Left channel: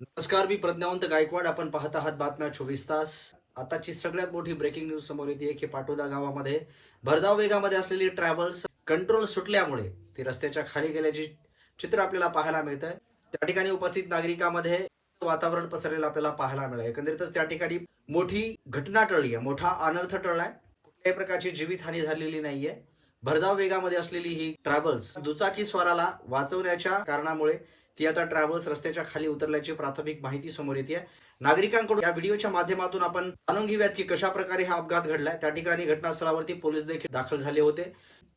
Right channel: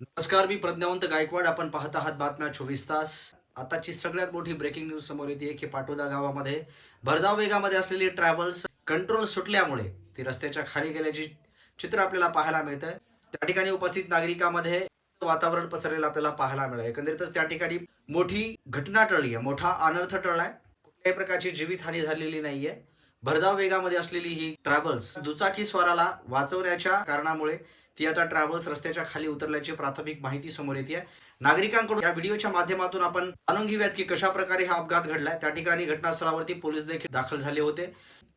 नमस्कार, मी प्रज्ञावंत गायकवाड. आपण पाहत आहात बातम्या 24 तास. आताची सगळ्यात मोठी ब्रेकिंग न्यूज समोर येते की पाटोदा गावामध्ये भरधाव वेगामध्ये असलेली ट्रॅव्हल्स कंट्रोल सुटल्यामुळे ती रस्त्याच्या खाली गेल्याची चित्र आपल्याला पाहायला मिळत आहे. त्या ठिकाणी उपस्थित नागरिकांमध्ये वातावरण पसरलेलं आपल्याला पाहायला मिळालं. एकंदरीतच त्या ठिकाणी मोठी घटना टळली आहे, मोठा अनर्थ टळलाय. कुठल्याही प्रकारची जीवितहानी झालेली नाहीये. भरधाव वेगामध्ये असलेली ही ट्रॅव्हल्स दुचाकी स्वाराला वाचवण्याच्या कारणामुळे ती आता ट्रॅव्हल्स रस्त्याच्या खाली उतरल्याची प्राथमिक माहिती समोर येते. नागरिकांकडून या व्हिडिओच्या माध्यमातून आपण जाणून घेऊयात की कशा प्रकारे हा अपघात घडलाय. त्या ठिकाणी घटनास्थळावरती पोलीस देखील दाखल झाले होते.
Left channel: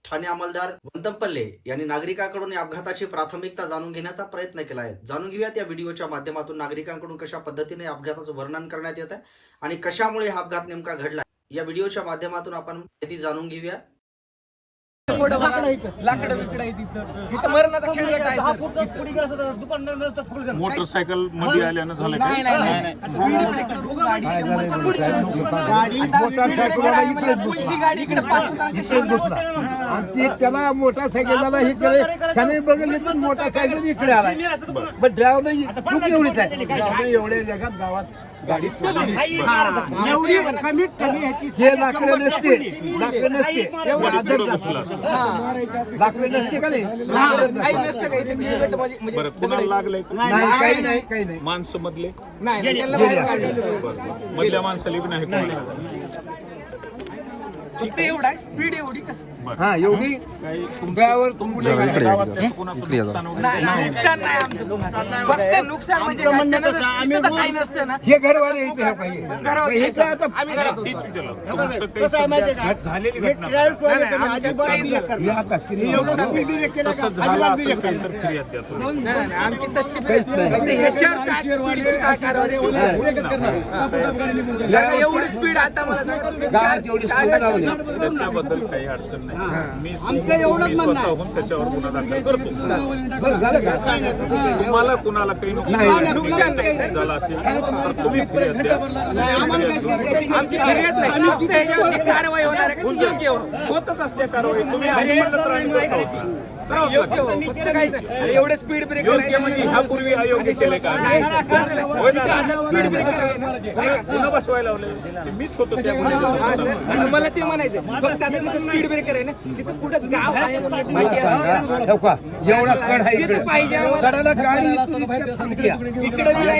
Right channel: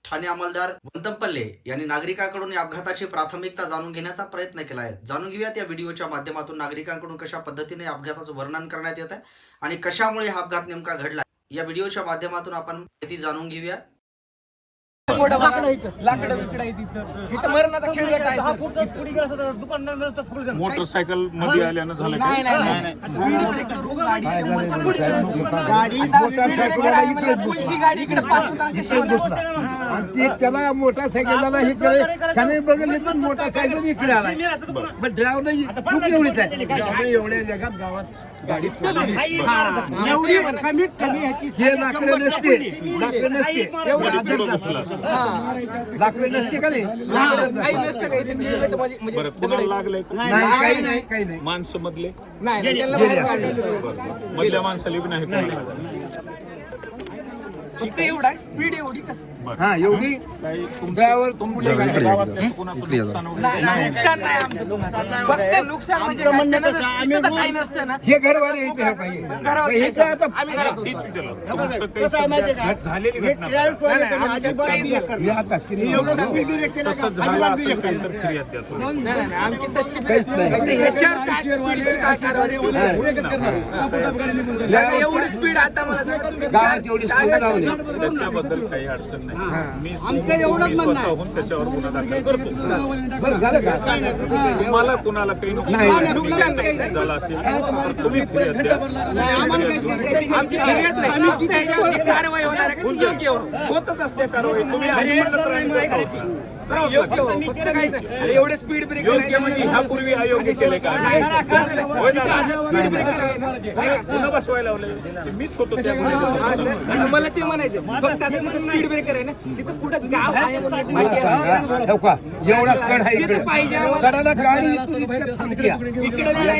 ठाणे अंमलदार वंतपल्ले यांनी नागरिकांकडून या अपघाताची प्राथमिकता जाणून घेण्याचा प्रयत्न केला आहे. जाणून घेऊयात या व्हिडिओच्या माध्यमातून नागरिकांकडून कशा पद्धतीने अपघाताचं वर्णन करण्यात येत आहे आणि कशामुळे हा अपघात नेमका घडला या व्हिडिओच्या माध्यमातून आपण माहिती जाणून घेऊया. लाकडं बिकडं आहे तिथं. इथं मरणाचा खेळ आहे सर. मोटरसायकल मध्ये आल्यानं झालं का? नाही. स्पीड ब्रेकर गाडी 100च्या पुढची. गाडी पुढची गाडी इकडे पास होता. आणि त्याला मोटरसायकलला ही त्याने बघितली पण मोटरसायकल इकडे आला. पण ड्रायव्हर खूप एवढीच आहे एवढे लगत गावात गाडी एवढी कमीत कमी हे लाकडे नसते लाकडे नसते का नाही काही नसतं का इथे खेळगट म्हणजे बरं, कुणाला लागलंय का? काही नाही माणसं मधले नाही त्यांना बाहेर काढलं. मधल्या माणसाला बी नाही कोणाला. फक्त एवढा स्पीड एवढी कसं हा एवढी ड्रायव्हर गावातल्या कोणाचं नुकसान वगैरे नाही. नुकसान नाही आमचं कोणाचं. फक्त नुकसान म्हणजे काय? त्यांना जर इथं तर काही नसतं ना. हे घरवाले इथे हे पाहिजे घरावर हे काय आता आम्ही घरात होतो. तीच त्याला. तुमचं काही समजा झालेली घटना नाही, आमच्यात काहीच नाही. हे आता तसं झालं असेल काही तर फिर्याद द्या. नाही, आमची तसली फक्त ह्याच्यावर काय स्पीडची काय कारवाई केली? आता एवढी स्पीड आता मला सांगा तुम्ही गावात एवढी चार स्पीड लावली. त्याच्याबद्दल काही अडचण नाही. मी स्वतःहून त्याच्यावर गुन्हा दाखल करतो. तुम्हाला कुणाला काही नुकसान नाही सर. झालं असेल तर तुम्ही फिर्याद द्या. आमची फिर्याद नाही. फक्त ह्याच्यावर जी कारवाई होणार आहे का ती योग्य हो. होतच असते कारवाई. तुम्ही आधी म्हणत राहिला योग्य हो. फक्त काहीच नाही. आणि एवढे स्पीड ब्रेकर योग्य म्हणजे ह्यापूर्वी अयोग्य केले का? आता स्पीड ब्रेकर आहे ना ऐका. पुन्हा बसवायला लावले ते मीच होतो त्या हा सर, आता मला ते म्हणायचं फक्त आता तिथं स्पीड ब्रेकर आहे ना तिथं पुढं गाव आहे म्हणून एक माहिती असते. एवढा चढ आहे तिथं पाहिजे आम्हाला. चढायला गाडी इकडे थांबते. इकडे बी नाही,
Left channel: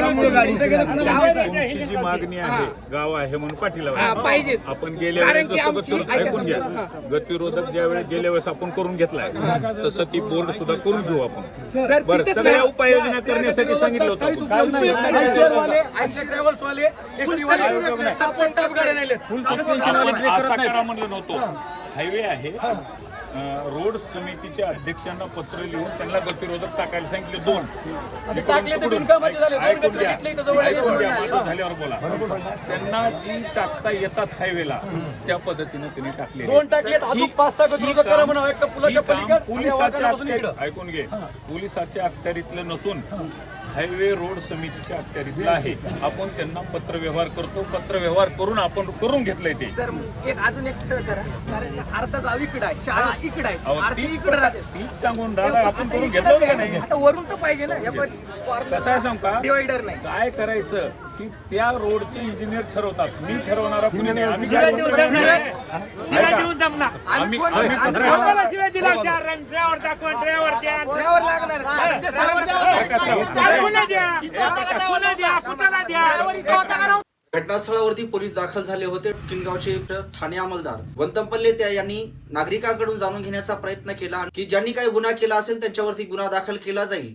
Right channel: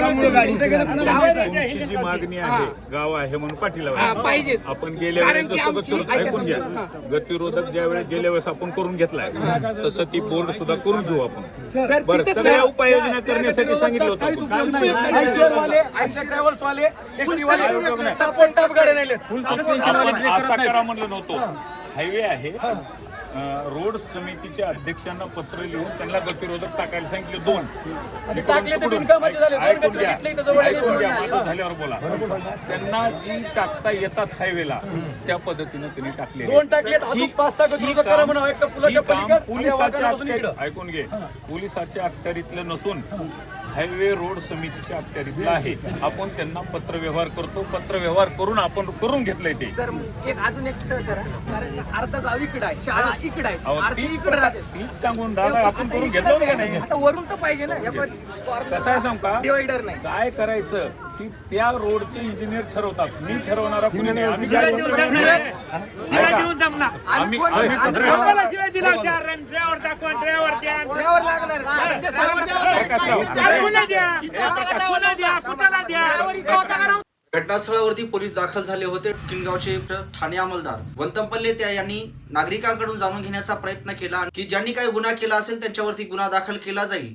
गाव तुमची जी मागणी आहे गाव आहे म्हणून पाठीला हा, पाहिजेच. आपण गेल्या कारण वेळेस की जसं आमची- बघतो, ऐका ऐकून घ्या. सर, गतिरोधक ज्या वेळेस गेल्या वेळेस आपण करून घेतलाय तसं ती बोर्ड सुद्धा करून घेऊ आपण. सर बरं, तिथंच सगळ्या नाही. उपाययोजना करण्यासाठी सांगितलं होतं आपण. उपयोग आपण असा करा म्हणलं नव्हतं. हायवे आहे, रोड समितीच्या अध्यक्षांना पत्र लिहून त्यांना गतिरोधक टाकायला सांगितले 2. झाल्यावर बोला. त्यांना जी टाकता येतात हायवेला त्या पद्धतीने त्यांनी टाकले. 2 टाकलेत अजून 5-6 गतिरोधक करा म्हणा. एक तर पुलाच्या पलीकडे पोलिसाच्या अखत्यारीत ऐकून घे. पोलिसाच्या अखत्यारीतलं नसून हायवे रोड समितीच्या अखत्यारीतलं आहे. आपण त्यांना पत्र व्यवहार करतो. पत्र व्यवहार करून आपण करून घेतलंय ते. सर एक अजून एक टळ करा. कारण अर्धा गाव इकडे आहे, शाळा इकडे आहे, अहो, अर्धी तीच इकडे राहते. तीच सांगून दादा आपण करून घेतलं का नाही? आता वरून तर पाहिजे ना. कसं आहे सांग का? डिवायडर नाही. काय करायचं की त्या रोडचे इंजिनियर ठरवतात. मी ठरवणारा कुणी नाही. आम्ही ज्या रोडचं ऐका. आम्ही कोण ड्रायव्हर लागणार. कारण ते घटनास्थळावरती पोलीस दाखल झाले होते. किनगावचे ठाणे अंमलदार वंतपल्ले यांनी नागरिकांकडून जाणून घेण्याचा प्रयत्न केला की ज्यांनी काही गुन्हा केला असेल त्यांच्यावरती गुन्हा दाखल केला जाईल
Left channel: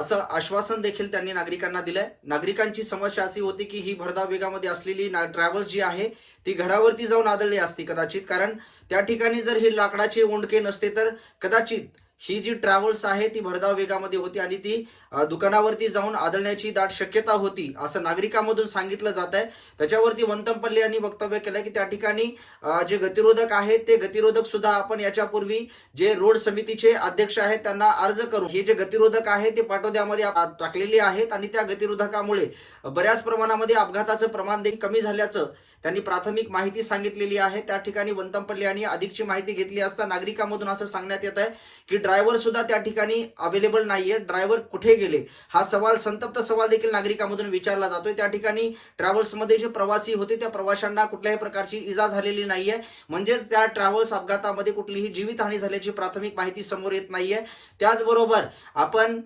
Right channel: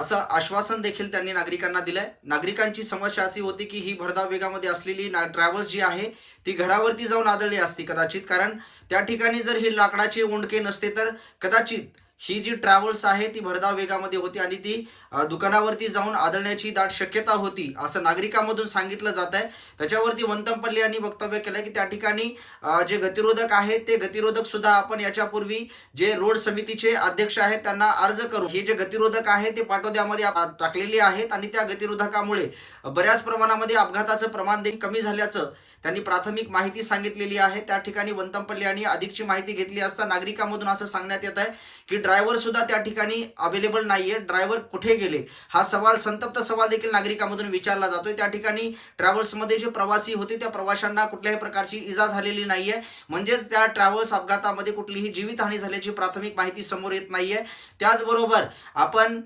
असं आश्वासन देखील त्यांनी नागरिकांना दिलंय. नागरिकांची समस्या अशी होती की ही भरधाव वेगामध्ये असलेली ट्रॅव्हल्स जी आहे ती घरावरती जाऊन आदळली असती कदाचित. कारण त्या ठिकाणी जर ही लाकडाचे ओंडके नसते तर कदाचित ही जी ट्रॅव्हल्स आहे ती भरधाव वेगामध्ये होती आणि ती दुकानावरती जाऊन आदळण्याची दाट शक्यता होती असं नागरिकांमधून सांगितलं जात आहे. त्याच्यावरती वंतपल्ले यांनी वक्तव्य केलं की त्या ठिकाणी जे गतिरोधक आहेत ते गतिरोधक सुद्धा आपण याच्यापूर्वी जे रोड समितीचे अध्यक्ष आहेत त्यांना अर्ज करू. हे जे गतिरोधक आहे ते पाटोद्यामध्ये टाकलेले आहेत आणि त्या गतिरोधकामुळे बऱ्याच प्रमाणामध्ये अपघाताचं प्रमाण देखील कमी झाल्याचं त्यांनी प्राथमिक माहिती सांगितलेली आहे. त्या ठिकाणी वंतमपल्ले यांनी अधिकची माहिती घेतली असता नागरिकांमधून असं सांगण्यात येत आहे की ड्रायव्हर सुद्धा त्या ठिकाणी अवेलेबल नाहीये. ड्रायव्हर कुठे गेले हा सवाल, संतप्त सवाल देखील नागरिकांमधून विचारला जातोय. त्या ठिकाणी ट्रॅव्हल्समध्ये जे प्रवासी होते त्या प्रवाशांना कुठल्याही प्रकारची इजा झालेली नाहीये, म्हणजेच त्या ट्रॅव्हल्स अपघातामध्ये कुठलीही जीवितहानी झाल्याची प्राथमिक माहिती समोर येत नाहीये. त्याचबरोबर आपण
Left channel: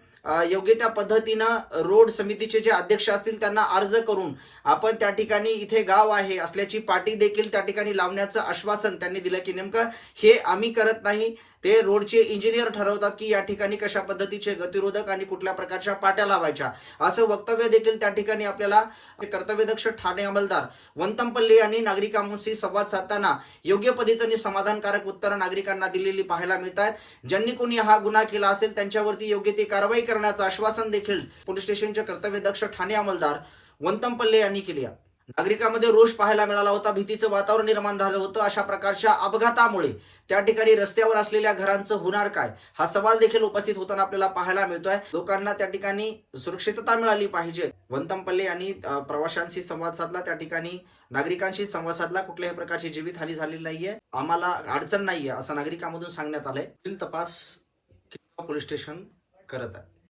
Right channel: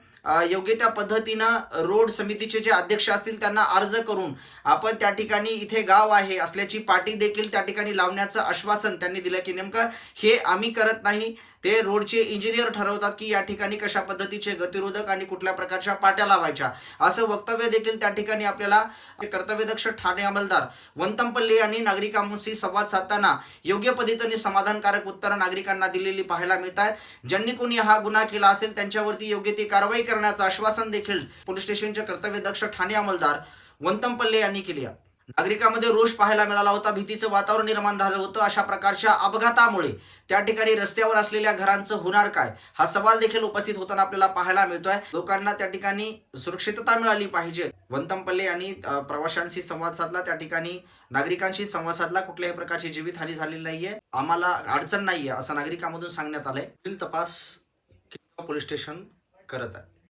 योग्य त्या पद्धतीनं रोड समितीचे जे अध्यक्ष असतील त्यांना अर्ज करून आपण त्या ठिकाणी इथे गाव आहे असल्याची पाटी देखील त्या ठिकाणी लावण्याचं आश्वासन त्यांनी दिलं की नेमकं हे आम्ही करत नाही, ते रोडचे इंजिनियर ठरवतात की या ठिकाणी कशा पद्धतीचे गतिरोधक आणि कुठल्या प्रकारच्या पाट्या लावायच्या, असं वक्तव्य देखील त्या ठिकाणी आपल्याला कर्तव्यदक्ष ठाणे अंमलदार वंतमपल्ले यांनी नागरिकांशी संवाद साधताना योग्य पद्धतीने समाधानकारक उत्तरं नागरिकांना दिलेली पाहायला मिळत आहेत. ज्यांनी कोणी हा गुन्हा केला असेल त्यांच्यावरती योग्य ती कारवाई करण्याचं आश्वासन देखील पोलीस स्टेशनचे कर्तव्यदक्ष ठाणे अंमलदार वंतमपल्ले यांनी केली आहे. नागरिकांमध्ये रोष पाहायला मिळाला होता, भीतीचं वातावरण निर्माण झालं होतं. अशा प्रकारच्या अपघातामुळे त्या ठिकाणी रस्त्यावर असलेल्या घरांचं होणार काय हा सवाल देखील उपस्थित होताना आपल्याला पाहायला मिळतोय. लोकांना त्या ठिकाणी सुरक्षितता मिळाली पाहिजे. वंतमपल्ले यांनी प्रवाशांशी संवाद साधला, त्या ठिकाणी नागरिकांशी संवाद साधला. कुठल्याही प्रकारची जीवितहानी झालेली नाहीये, आम्हाला अडचण नाहीये असं नागरिकांमधून सांगण्यात आलंय. तपास पोलीस स्टेशन करत आहे.